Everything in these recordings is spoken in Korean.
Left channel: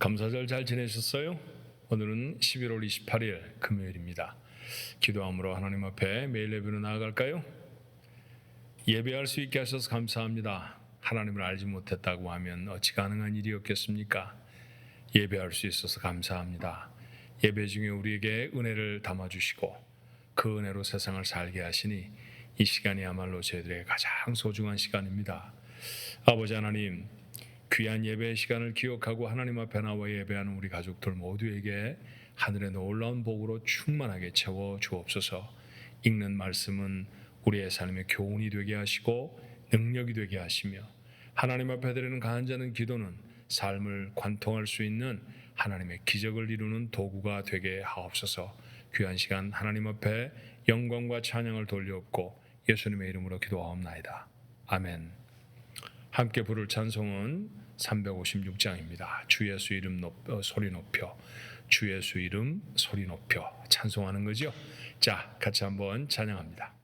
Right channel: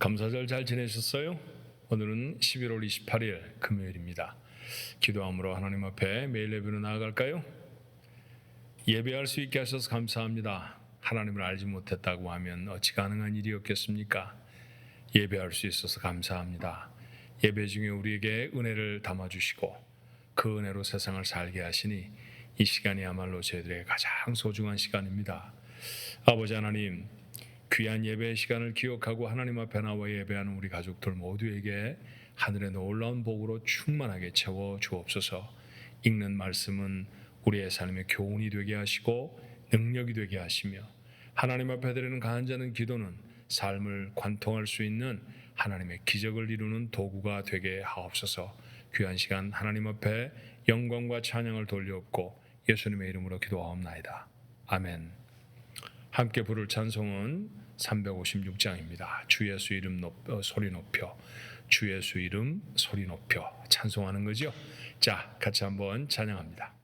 감사절 잘 지내셨어요? 오늘은 11월 28일 금요일입니다. 기도함으로 하나님 앞에 매일 예배로 나아갈까요? 예배할 수 있게 하셔서 감사합니다. 하나님을 알지 못했다고 하면 어찌 가능한 일이었겠습니까? 예배할 수 있어서 감사합니다. 예배 중에 우리에게 은혜를 담아주시고 그 은혜로 세상을 살게 하시니 이 시간이야말로 저희들에게 가장 소중한 시간입니다. 아버지 하나님, 귀한 예배의 시간을 기억하고 하나님 앞에 나와 예배하는 우리 가족들 모두에게 하늘의 놀라운 복으로 충만하게 채워 주옵소서. 읽는 말씀은 우리의 삶의 교훈이 되게 하시고 능력이 되게 하시며 하나님 앞에 드리는 간절한 기도는 삶을 관통할 수 있는 하나님의 기적을 이루는 도구가 되게 하옵소서. 귀한 시간 하나님 앞에 영광과 찬양을 돌려엎고 예수님의 이름으로 기도하옵나이다. 아멘. 함께 부를 찬송은 356장입니다. 주 예수 이름 소리 높여, 주 예수 이름 소리 높여 찬송하는 거죠. 자, 같이 한번 찬양합니다.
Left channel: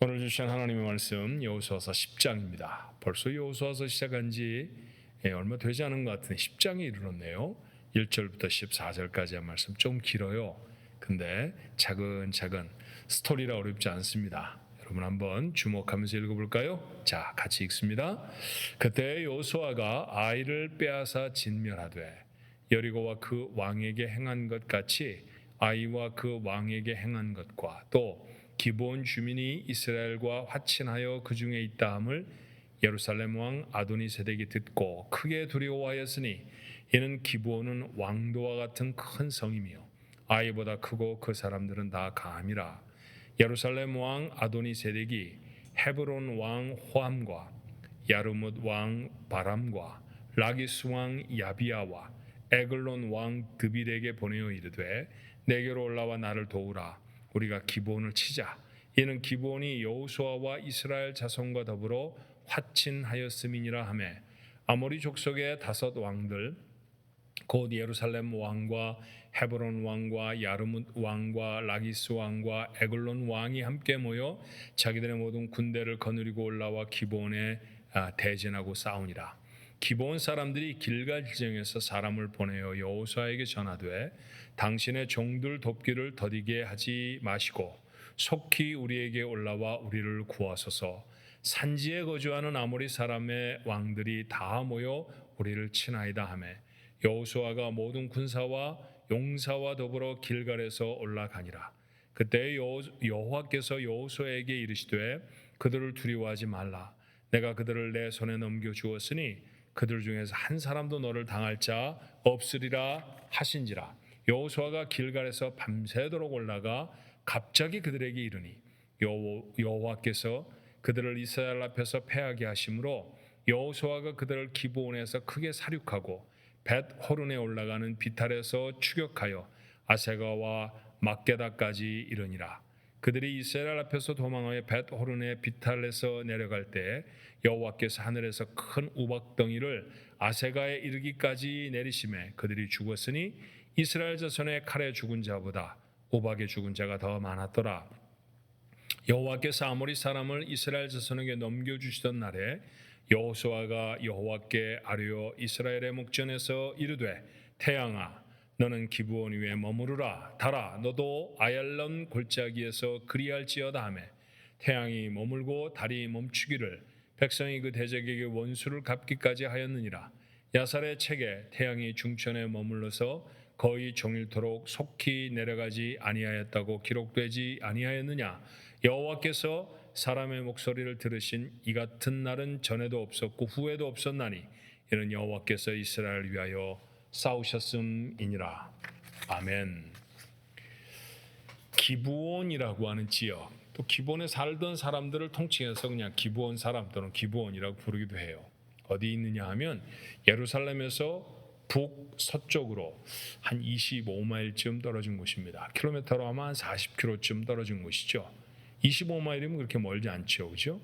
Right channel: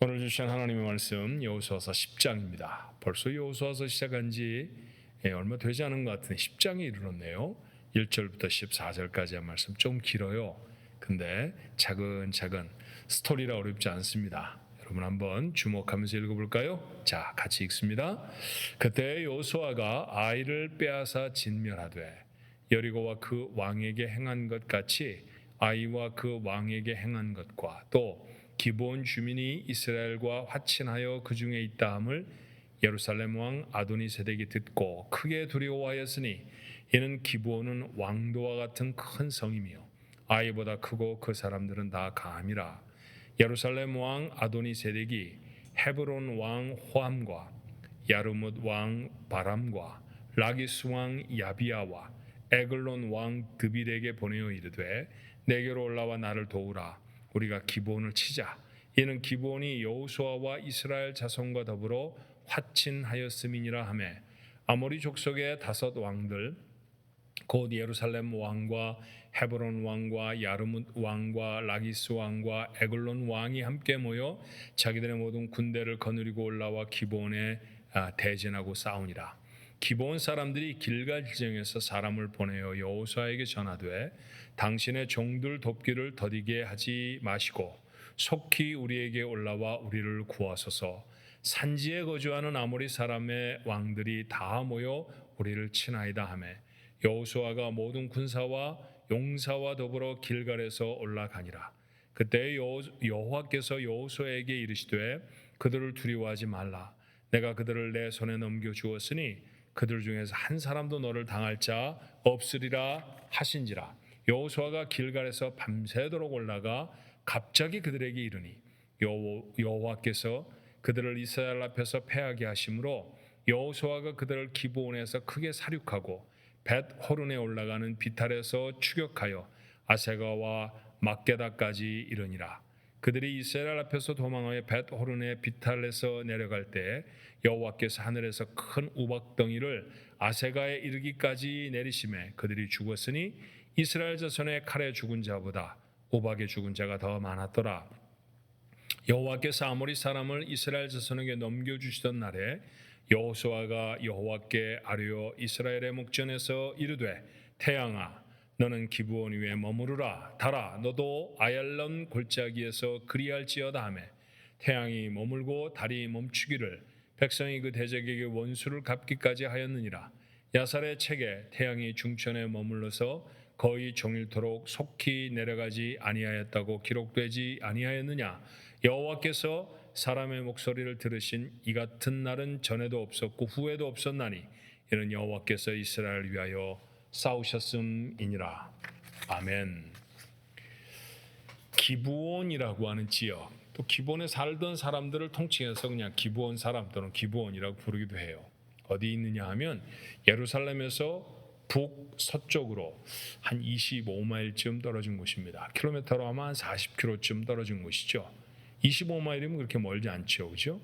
오늘 주신 하나님의 말씀 여호수아서 10장입니다. 벌써 여호수아서 시작한 지 얼마 되지 않은 것 같은데 10장에 이르렀네요. 1절부터 14절까지의 말씀 좀 길어요. 근데 차근차근 스토리라 어렵지 않습니다. 여러분 한번 주목하면서 읽어볼까요? 자, 같이 읽습니다. 그때 여호수아가 아이를 빼앗아 진멸하되 여리고와 그 왕에게 행한 것 같이 아이와 그 왕에게 행한 것과 또 기브온 주민이 이스라엘과 화친하여 그 중에 있다함을 예루살렘 왕 아도니세덱이 듣고 크게 두려워하였으니 이는 기브온은 왕도와 같은 큰 성이며 아이보다 크고 그 사람들은 다 감이라. 예루살렘 왕 아도니세덱이 헤브론 왕 호함과 야르뭇 왕 바람과 라기스 왕 야비야와 에글론 왕 드빌에게 보내어 이르되 내게로 올라와 나를 도우라. 우리가 기브온을 치자. 이는 기브온이 여호수아와 이스라엘 자손과 더불어 화친하였음이니라 하매 아모리 족속의 5 왕들 곧 예루살렘 왕과 헤브론 왕과 야르뭇 왕과 라기스 왕과 에글론 왕이 함께 모여 자기들의 모든 군대를 거느리고 올라와 기브온에 대전하고 싸우니라. 기브온 사람들이 길갈 지정에서 사람을 보내어 여호수아에게 전하되 당신의 종들 돕기를 더디게 하지 마시고 속히 우리에게 올라와 우리를 구하소서. 산지에 거주하는 아모리 사람의 왕들이 다 모여 우리를 치나이다 하매 여호수아가 모든 군사와 용사와 더불어 길갈에서 올라가니라. 그때 여호와께서 여호수아에게 이르시되 그들을 두려워하지 말라. 내가 그들을 내 손에 넘겨 주었으니 그들 중에서 한 사람도 너를 당할 자 없으리라 하신지라. 여호수아가 길갈에서 밤새도록 올라가 갑자기 그들에게 이르니 여호와께서 그들을 이스라엘 앞에서 패하게 하심으로 여호수아가 그들을 기브온에서 크게 사륙하고 벳 호른에 올라가는 비탈에서 추격하여 아세가와 막게다까지 이르니라. 그들이 이스라엘 앞에서 도망하여 벳 호른의 비탈에서 내려갈 때 여호와께서 하늘에서 큰 우박덩이를 아세가에 이르기까지 내리심에 그들이 죽었으니 이스라엘 자손의 칼에 죽은 자보다 우박에 죽은 자가 더 많았더라. 여호와께서 아모리 사람을 이스라엘 자손에게 넘겨주시던 날에 여호수아가 여호와께 아뢰어 이스라엘의 목전에서 이르되 태양아 너는 기브온 위에 머무르라. 달아 너도 아얄론 골짜기에서 그리할지어다 하매 태양이 머물고 달이 멈추기를 백성이 그 대적에게 원수를 갚기까지 하였느니라. 야살의 책에 태양이 중천에 머물러서 거의 종일토록 속히 내려가지 아니하였다고 기록되지 아니하였느냐. 여호와께서 사람의 목소리를 들으신 이 같은 날은 전에도 없었고 후에도 없었나니 이는 여호와께서 이스라엘을 위하여 싸우셨음이니라. 아멘. 기브온이라고 하는 지역, 또 기브온에 살던 사람들을 통칭해서 그냥 기브온 사람 또는 기브온이라고 부르기도 해요. 어디 있느냐 하면 예루살렘에서 북서쪽으로 한 25마일쯤 떨어진 곳입니다. 킬로미터로 아마 한 40km쯤 떨어진 곳이죠. 25마일이면 그렇게 멀지 않죠, 그죠?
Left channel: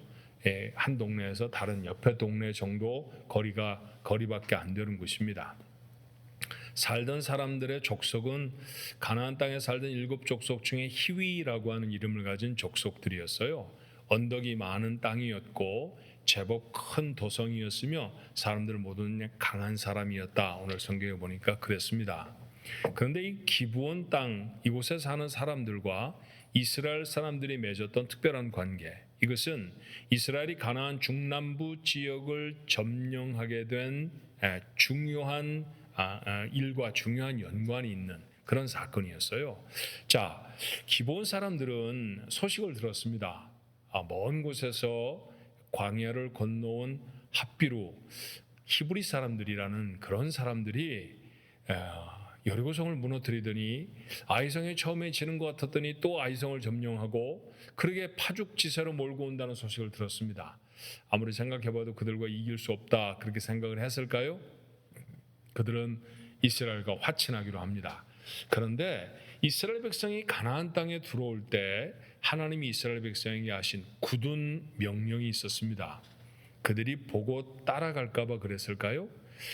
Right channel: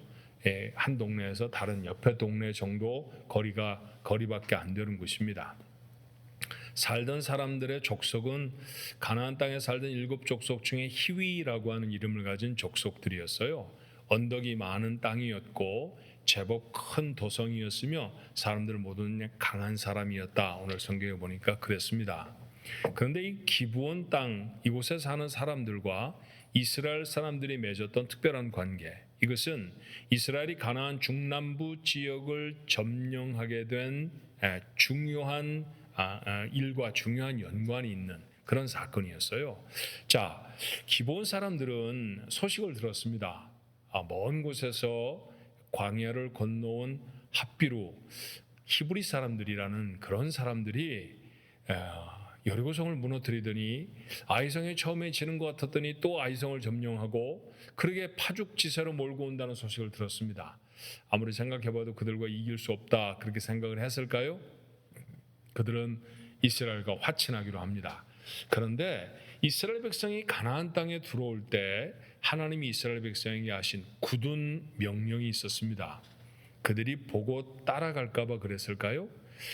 한 동네에서 다른 옆에 동네 정도 거리밖에 안 되는 곳입니다. 살던 사람들의 족속은 가나안 땅에 살던 7 족속 중에 히위라고 하는 이름을 가진 족속들이었어요. 언덕이 많은 땅이었고 제법 큰 도성이었으며 사람들 모두는 강한 사람이었다. 오늘 성경에 보니까 그랬습니다. 그런데 이 기브온 땅 이곳에 사는 사람들과 이스라엘 사람들이 맺었던 특별한 관계, 이것은 이스라엘이 가나안 중남부 지역을 점령하게 된 중요한 일과 중요한 연관이 있는 그런 사건이었어요. 자, 기브온 사람들은 소식을 들었습니다. 먼 곳에서 광야를 건너온 핫비루 히브리 사람들이라는 그런 사람들이 여리고성을 무너뜨리더니 아이성에 처음에 지는 것 같았더니 또 아이성을 점령하고 그러게 파죽지세로 몰고 온다는 소식을 들었습니다. 아무리 생각해봐도 그들과 이길 수 없다 그렇게 생각을 했을까요? 그들은 이스라엘과 화친하기로 합니다. 그런데 이스라엘 백성이 가나안 땅에 들어올 때 하나님이 이스라엘 백성에게 하신 굳은 명령이 있었습니다. 그들이 보고 따라갈까 봐 그랬을까요?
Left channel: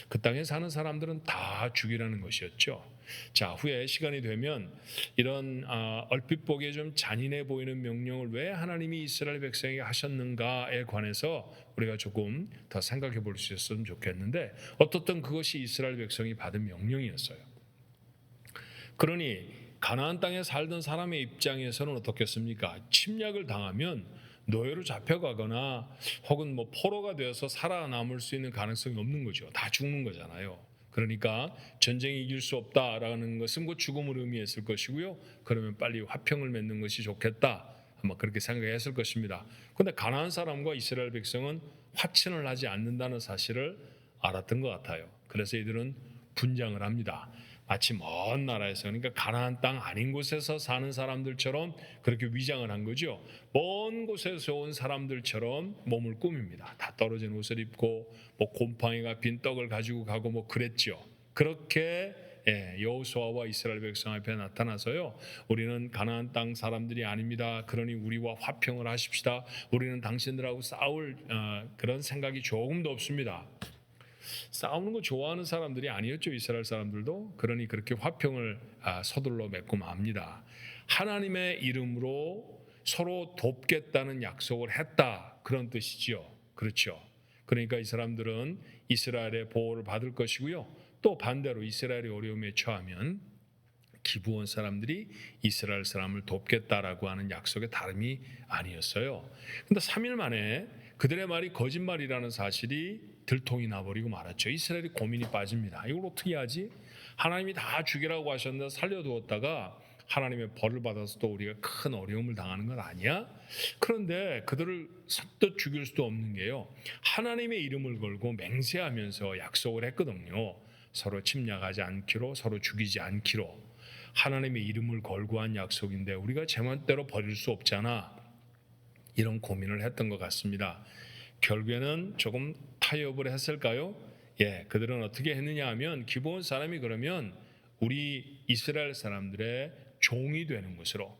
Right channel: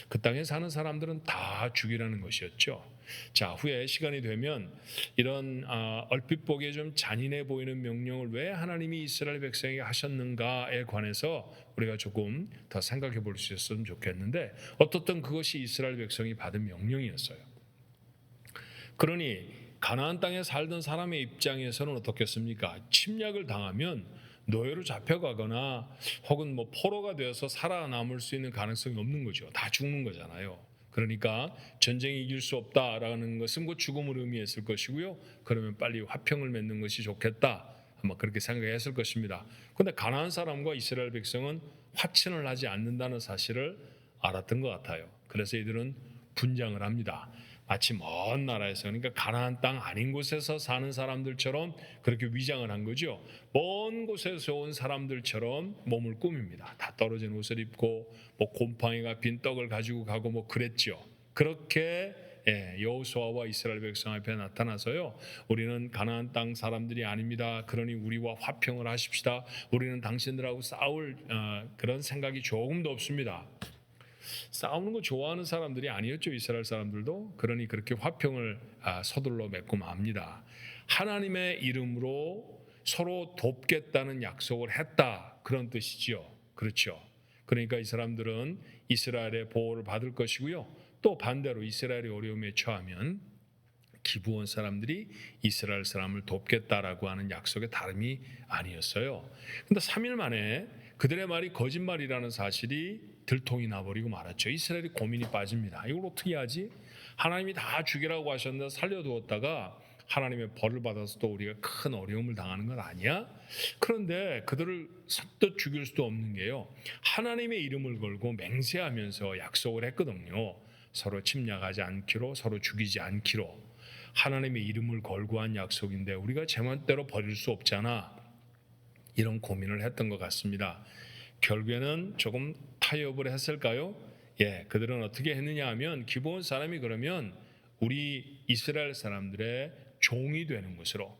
그 땅에 사는 사람들은 다 죽이라는 것이었죠. 자, 후에 시간이 되면 이런 얼핏 보기에 좀 잔인해 보이는 명령을 왜 하나님이 이스라엘 백성에게 하셨는가에 관해서 우리가 조금 더 생각해 볼 수 있었으면 좋겠는데 어떻든 그것이 이스라엘 백성이 받은 명령이었어요. 그러니 가나안 땅에 살던 사람의 입장에서는 어떻겠습니까? 침략을 당하면 노예로 잡혀가거나 혹은 포로가 되어서 살아남을 수 있는 가능성이 없는 거죠. 다 죽는 거잖아요. 그러니까 전쟁이 이길 수 없다라는 것은 그 죽음을 의미했을 것이고요. 그러면 빨리 화평을 맺는 것이 좋겠다. 아마 그렇게 생각했을 것입니다. 그런데 가나안 사람과 이스라엘 백성은 화친을 하지 않는다는 사실을 알았던 것 같아요. 그래서 이들은 분장을 합니다. 마치 먼 나라에서, 그러니까 가나안 땅 아닌 곳에서 사는 사람들처럼 그렇게 위장을 한 거죠. 먼 곳에서 온 사람들처럼 몸을 꾸밉니다. 다 떨어진 옷을 입고 뭐 곰팡이가 빈 떡을 가지고 가고 뭐 그랬죠. 그렇게 여호수아와 이스라엘 백성 앞에 나타나서요, 우리는 가나안 땅 사람들이 아닙니다. 그러니 우리와 화평을 하십시다. 우리는 당신들하고 싸울 그런 생각이 조금도 없습니다. 싸우는 거 좋아하는 사람들이 아니었죠, 이스라엘 사람들도. 그러니 그렇게 화평을 서둘러 맺고 맙니다. 하나님의 이름으로 서로 돕겠다는 약속을 했다, 그런 뜻이지요. 그렇죠. 그러니까 이 사람들은 이스라엘의 보호를 받을 것이고요, 또 반대로 이스라엘이 어려움에 처하면 기브온 사람들이 이스라엘 사람을 돕겠다라고 하는 약속의 다름이 아니었어요. 그런데 3일 만에 그들의 말이 거짓말이라는 사실이 들통이 나버리고 말았죠. 이스라엘이 고민이 빠집니다. 이걸 어떻게 하지? 하나님이 다 죽이라고 하셨는데 살려두었다가 하나님의 벌을 받아서 또 우리가 큰 어려움을 당하는 건 아니야? 그런데 그들을 선뜻 죽일 수도 없는 게요, 하나님의 이름을 걸고 맹세하면서 약속을 했거든요. 서로 침략하지 않기로, 서로 죽이지 않기로. 하나님의 이름을 걸고 한 약속인데 우리가 제멋대로 버릴 수 없잖아, 이런 고민을 했던 것 같습니다. 결국에는 조금 타협을 했을까요? 그들은 어떻게 했느냐 하면, 기브온 사람이 그러면 우리 이스라엘 사람들의 종이 되는 것으로,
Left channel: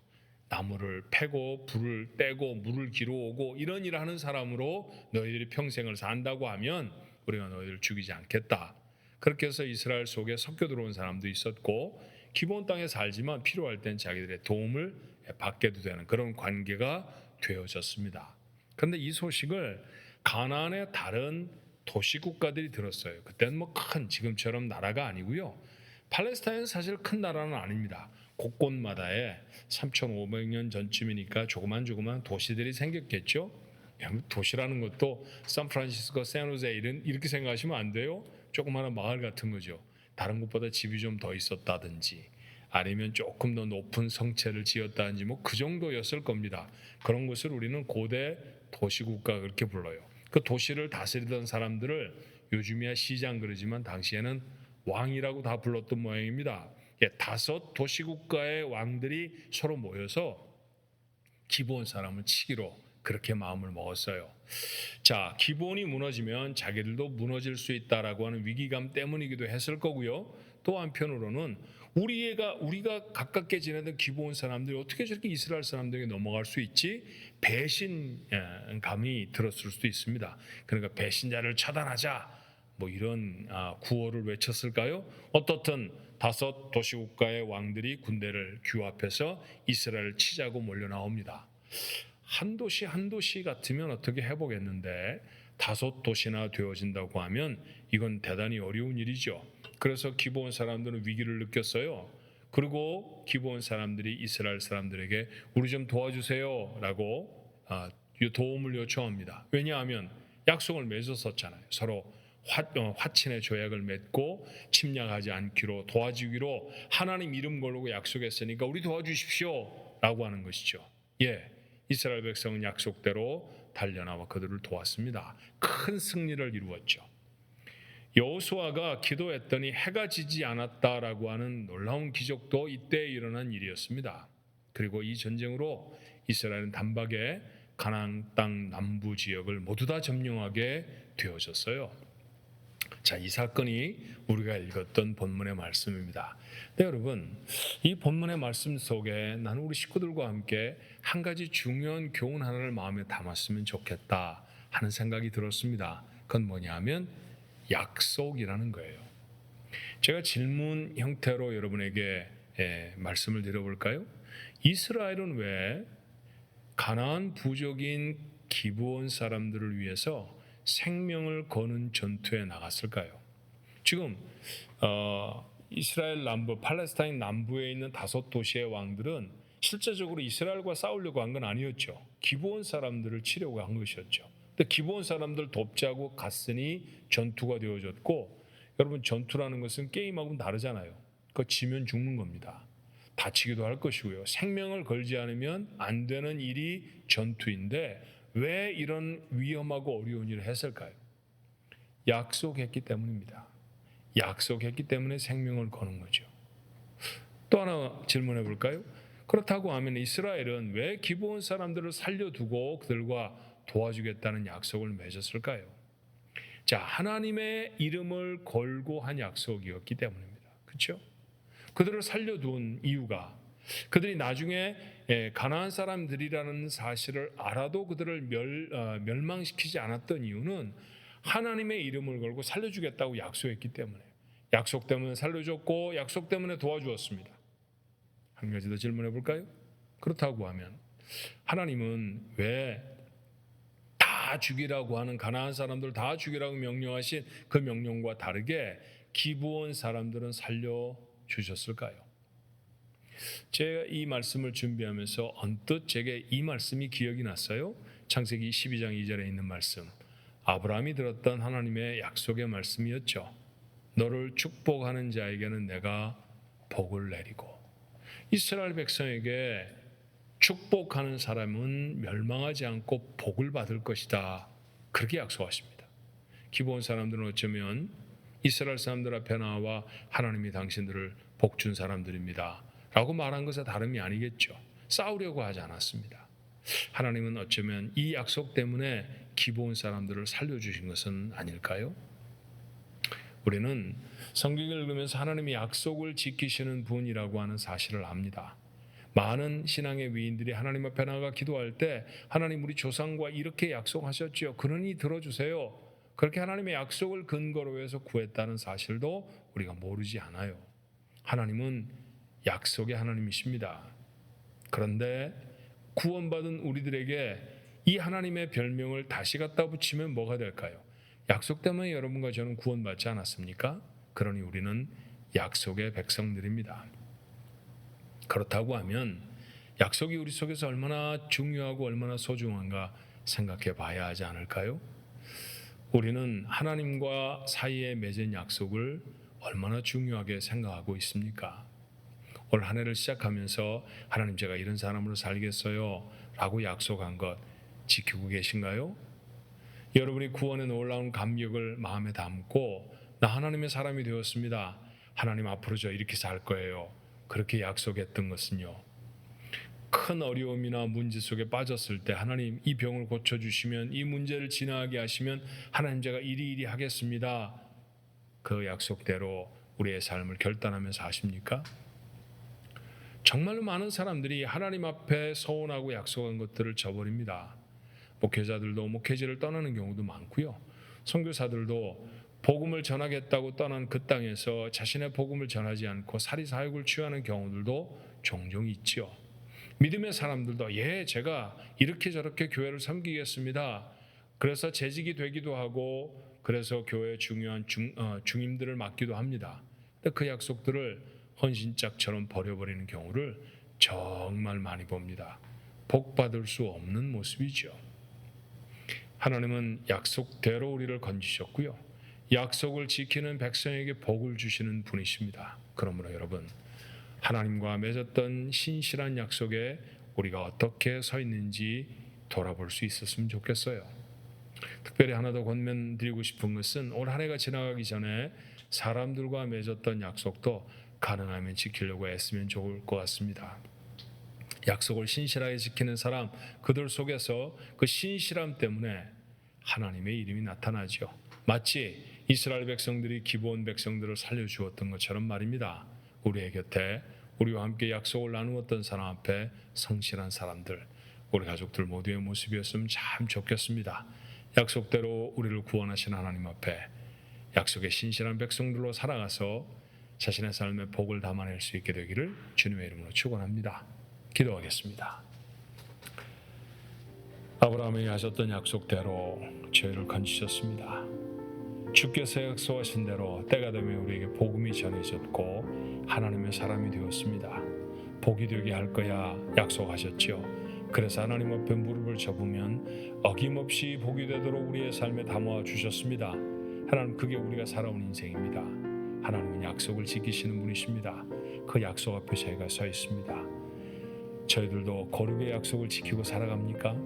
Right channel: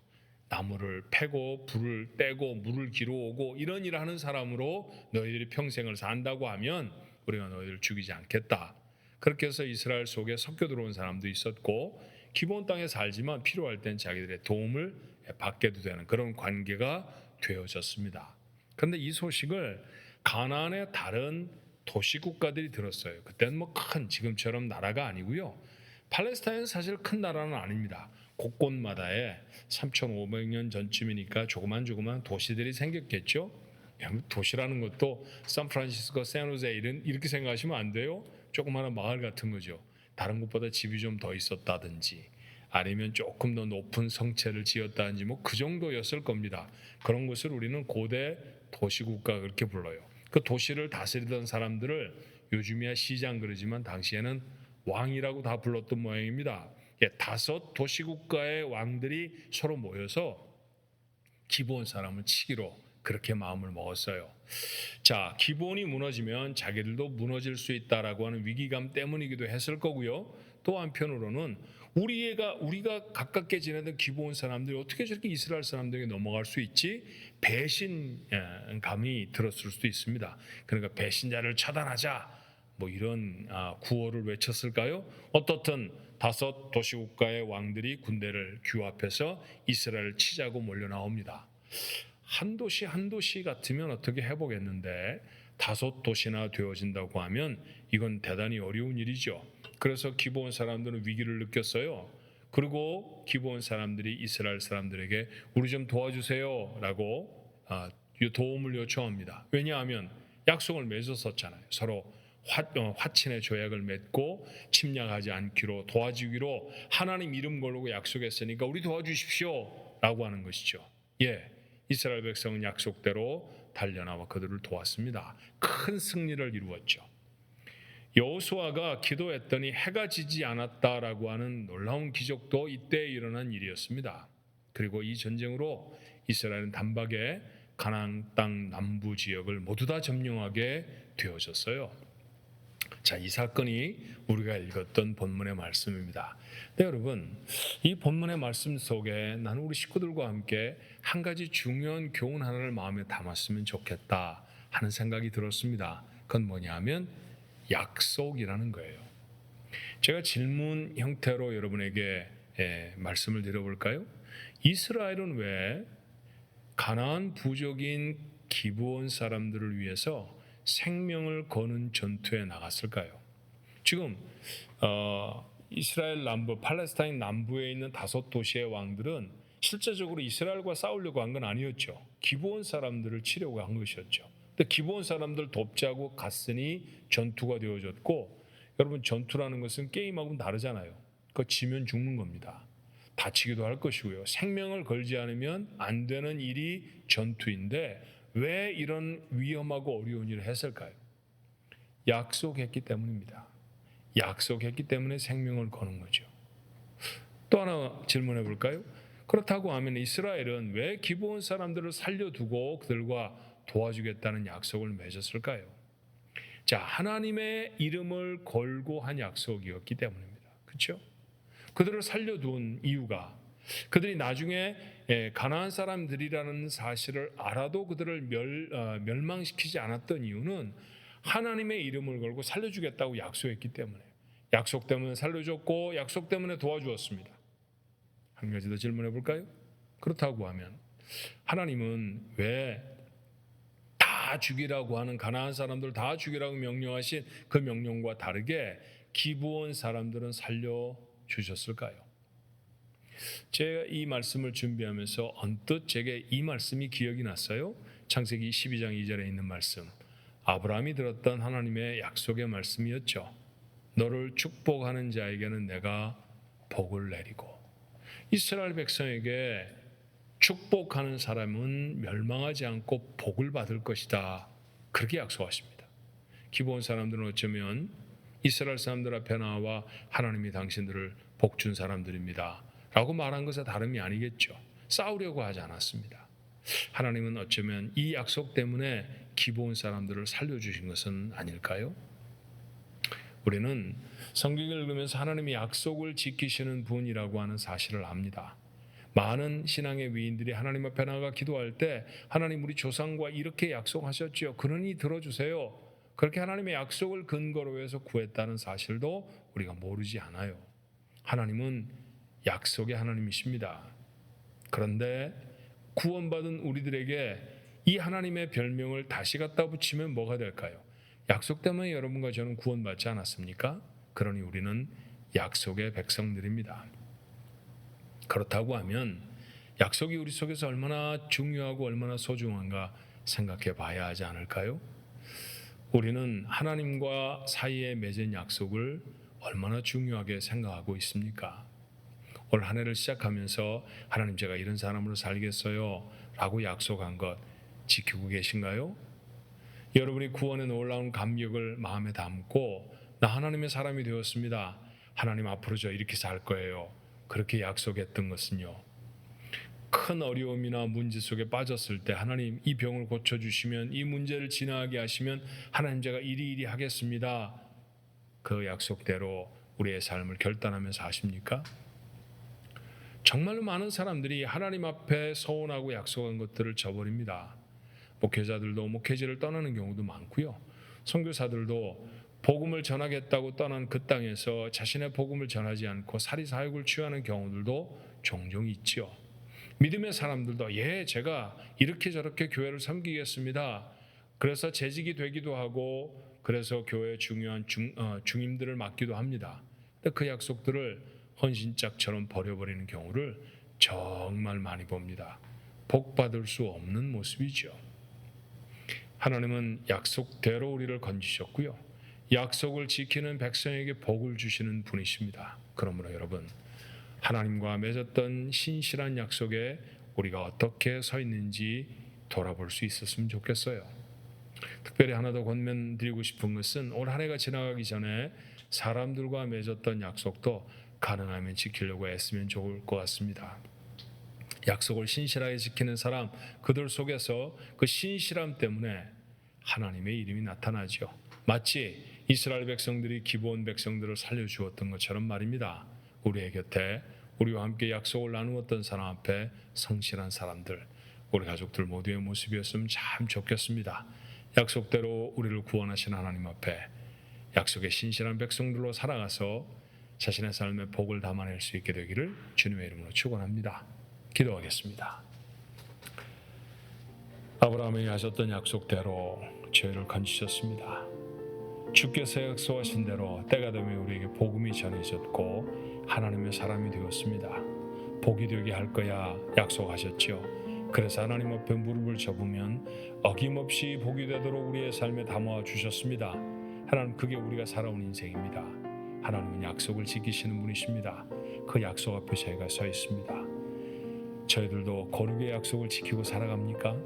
나무를 패고 불을 떼고 물을 기르오고 이런 일을 하는 사람으로 너희들이 평생을 산다고 하면 우리가 너희들을 죽이지 않겠다. 그렇게 해서 이스라엘 속에 섞여 들어온 사람도 있었고, 기브온 땅에 살지만 필요할 땐 자기들의 도움을 받게도 되는 그런 관계가 되어졌습니다. 그런데 이 소식을 가나안의 다른 도시 국가들이 들었어요. 그때는 뭐 큰 지금처럼 나라가 아니고요, 팔레스타인은 사실 큰 나라는 아닙니다. 곳곳마다에 3,500년 전쯤이니까 조그만 도시들이 생겼겠죠. 도시라는 것도 샌프란시스코, 샌호세 이렇게 생각하시면 안 돼요. 조그마한 마을 같은 거죠. 다른 곳보다 집이 좀 더 있었다든지 아니면 조금 더 높은 성체를 지었다든지 뭐 그 정도였을 겁니다. 그런 것을 우리는 고대 도시국가 그렇게 불러요. 그 도시를 다스리던 사람들을 요즘이야 시장 그러지만 당시에는 왕이라고 다 불렀던 모양입니다. 5 도시국가의 왕들이 서로 모여서 기브온 사람을 치기로 그렇게 마음을 먹었어요. 자, 기브온이 무너지면 자기들도 무너질 수 있다라고 하는 위기감 때문이기도 했을 거고요. 또 한편으로는 우리가 가깝게 지내던 기브온 사람들이 어떻게 저렇게 이스라엘 사람들에게 넘어갈 수 있지? 배신감이 들었을 수도 있습니다. 그러니까 배신자를 처단하자, 뭐 이런 구호를 외쳤을까요? 어떻든 5 도시국가의 왕들이 군대를 규합해서 이스라엘을 치자고 몰려 나옵니다. 한 도시 같으면 어떻게 해보겠는데 5 도시나 되어진다고 하면 이건 대단히 어려운 일이죠. 그래서 기브온 사람들은 위기를 느꼈어요. 그리고 기브온 사람들이 이스라엘 사람들에게 우리 좀 도와주세요 라고 도움을 요청합니다. 왜냐하면 약속을 맺었었잖아요. 서로 화친의 조약을 맺고 침략하지 않기로, 도와주기로 하나님 이름 걸고 약속했으니까 우리 도와주십시오 라고 하는 것이죠. 이스라엘 백성은 약속대로 달려나와 그들을 도왔습니다. 큰 승리를 이루었죠. 여호수아가 기도했더니 해가 지지 않았다라고 하는 놀라운 기적도 이때 일어난 일이었습니다. 그리고 이 전쟁으로 이스라엘은 단박에 가나안 땅 남부 지역을 모두 다 점령하게 되어졌어요. 자, 이 사건이 우리가 읽었던 본문의 말씀입니다. 네, 여러분, 이 본문의 말씀 속에 나는 우리 식구들과 함께 한 가지 중요한 교훈 하나를 마음에 담았으면 좋겠다 하는 생각이 들었습니다. 그건 뭐냐 하면 약속이라는 거예요. 제가 질문 형태로 여러분에게 말씀을 드려볼까요? 이스라엘은 왜 가나안 부족인 기브온 사람들을 위해서 생명을 거는 전투에 나갔을까요? 지금 이스라엘 남부, 팔레스타인 남부에 있는 5 도시의 왕들은 실제적으로 이스라엘과 싸우려고 한 건 아니었죠. 기브온 사람들을 치려고 한 것이었죠. 근데 기브온 사람들 돕자고 갔으니 전투가 되어졌고, 여러분 전투라는 것은 게임하고는 다르잖아요. 그거 지면 죽는 겁니다. 다치기도 할 것이고요. 생명을 걸지 않으면 안 되는 일이 전투인데 왜 이런 위험하고 어려운 일을 했을까요? 약속했기 때문입니다. 약속했기 때문에 생명을 거는 거죠. 또 하나 질문해 볼까요? 그렇다고 하면 이스라엘은 왜 기브온 사람들을 살려두고 그들과 도와주겠다는 약속을 맺었을까요? 자, 하나님의 이름을 걸고 한 약속이었기 때문입니다. 그렇죠? 그들을 살려둔 이유가 그들이 나중에 가나안 사람들이라는 사실을 알아도 그들을 멸망시키지 않았던 이유는 하나님의 이름을 걸고 살려주겠다고 약속했기 때문에, 약속 때문에 살려줬고 약속 때문에 도와주었습니다. 한 가지 더 질문해 볼까요? 그렇다고 하면 하나님은 왜 다 죽이라고 하는 가나안 사람들 다 죽이라고 명령하신 그 명령과 다르게 기브온 사람들은 살려주셨을까요? 제가 이 말씀을 준비하면서 언뜻 제게 이 말씀이 기억이 났어요. 창세기 12장 2절에 있는 말씀, 아브라함이 들었던 하나님의 약속의 말씀이었죠. 너를 축복하는 자에게는 내가 복을 내리고, 이스라엘 백성에게 축복하는 사람은 멸망하지 않고 복을 받을 것이다, 그렇게 약속하십니다. 기브온 사람들은 어쩌면 이스라엘 사람들 앞에 나와 하나님이 당신들을 복준 사람들입니다 라고 말한 것에 다름이 아니겠죠. 싸우려고 하지 않았습니다. 하나님은 어쩌면 이 약속 때문에 기브온 사람들을 살려주신 것은 아닐까요? 우리는 성경을 읽으면서 하나님이 약속을 지키시는 분이라고 하는 사실을 압니다. 많은 신앙의 위인들이 하나님 앞에 나가 기도할 때 하나님 우리 조상과 이렇게 약속하셨지요, 그러니 들어주세요, 그렇게 하나님의 약속을 근거로 해서 구했다는 사실도 우리가 모르지 않아요. 하나님은 약속의 하나님이십니다. 그런데 구원받은 우리들에게 이 하나님의 별명을 다시 갖다 붙이면 뭐가 될까요? 약속 때문에 여러분과 저는 구원받지 않았습니까? 그러니 우리는 약속의 백성들입니다. 그렇다고 하면 약속이 우리 속에서 얼마나 중요하고 얼마나 소중한가 생각해 봐야 하지 않을까요? 우리는 하나님과 사이에 맺은 약속을 얼마나 중요하게 생각하고 있습니까? 올 한 해를 시작하면서 하나님 제가 이런 사람으로 살겠어요 라고 약속한 것 지키고 계신가요? 여러분이 구원의 놀라운 감격을 마음에 담고 나 하나님의 사람이 되었습니다, 하나님 앞으로 저 이렇게 살 거예요, 그렇게 약속했던 것은요, 큰 어려움이나 문제 속에 빠졌을 때 하나님 이 병을 고쳐주시면, 이 문제를 지나가게 하시면 하나님 제가 이리 하겠습니다, 그 약속대로 우리의 삶을 결단하면서 하십니까? 정말로 많은 사람들이 하나님 앞에 서원하고 약속한 것들을 저버립니다. 목회자들도 목회지를 떠나는 경우도 많고요, 선교사들도 복음을 전하겠다고 떠난 그 땅에서 자신의 복음을 전하지 않고 사리사욕을 취하는 경우들도 종종 있지요. 믿음의 사람들도 제가 이렇게 저렇게 교회를 섬기겠습니다, 그래서 재직이 되기도 하고 그래서 교회의 중요한 중임들을 맡기도 합니다. 근데 그 약속들을 헌신짝처럼 버려버리는 경우를 정말 많이 봅니다. 복 받을 수 없는 모습이죠. 하나님은 약속대로 우리를 건지셨고요, 약속을 지키는 백성에게 복을 주시는 분이십니다. 그러므로 여러분, 하나님과 맺었던 신실한 약속에 우리가 어떻게 서 있는지 돌아볼 수 있었으면 좋겠어요. 특별히 하나 더 권면드리고 싶은 것은 올 한 해가 지나가기 전에 사람들과 맺었던 약속도 가능하면 지키려고 애쓰면 좋을 것 같습니다. 약속을 신실하게 지키는 사람, 그들 속에서 그 신실함 때문에 하나님의 이름이 나타나죠. 마치 이스라엘 백성들이 기브온 백성들을 살려주었던 것처럼 말입니다. 우리의 곁에 우리와 함께 약속을 나누었던 사람 앞에 성실한 사람들, 우리 가족들 모두의 모습이었으면 참 좋겠습니다. 약속대로 우리를 구원하신 하나님 앞에 약속의 신실한 백성들로 살아가서 자신의 삶에 복을 담아낼 수 있게 되기를 주님의 이름으로 축원합니다. 기도하겠습니다. 아브라함이 하셨던 약속대로 저희를 건지셨습니다. 주께서 약속하신 대로 때가 되면 우리에게 복음이 전해졌고 하나님의 사람이 되었습니다. 복이 되게 할 거야 약속하셨지요. 그래서 하나님 앞에 무릎을 접으면 어김없이 복이 되도록 우리의 삶에 담아 주셨습니다. 하나님, 그게 우리가 살아온 인생입니다. 하나님은 약속을 지키시는 분이십니다. 그 약속 앞에 저희가 서 있습니다. 저희들도 거룩의 약속을 지키고 살아갑니까?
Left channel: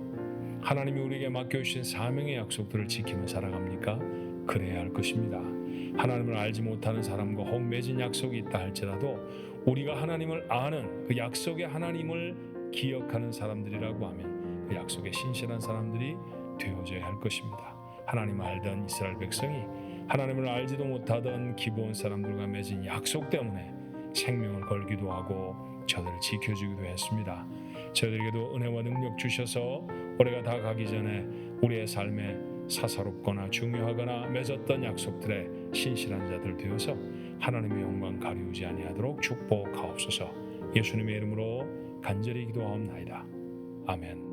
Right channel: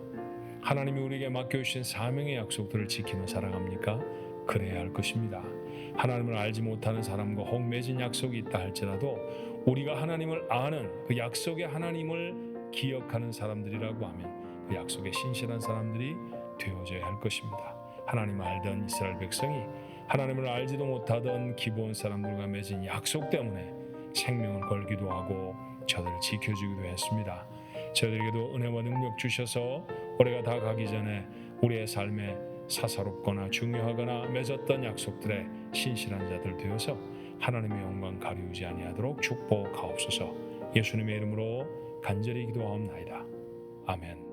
하나님이 우리에게 맡겨주신 사명의 약속들을 지키며 살아갑니까? 그래야 할 것입니다. 하나님을 알지 못하는 사람과 혹 맺은 약속이 있다 할지라도 우리가 하나님을 아는 그 약속의 하나님을 기억하는 사람들이라고 하면 그 약속에 신실한 사람들이 되어져야 할 것입니다. 하나님을 알던 이스라엘 백성이 하나님을 알지도 못하던 기브온 사람들과 맺은 약속 때문에 생명을 걸기도 하고 저들을 지켜주기도 했습니다. 저들에게도 은혜와 능력 주셔서 올해가 다 가기 전에 우리의 삶에 사사롭거나 중요하거나 맺었던 약속들에 신실한 자들 되어서 하나님의 영광 가리우지 아니하도록 축복하옵소서. 예수님의 이름으로 간절히 기도하옵나이다. 아멘.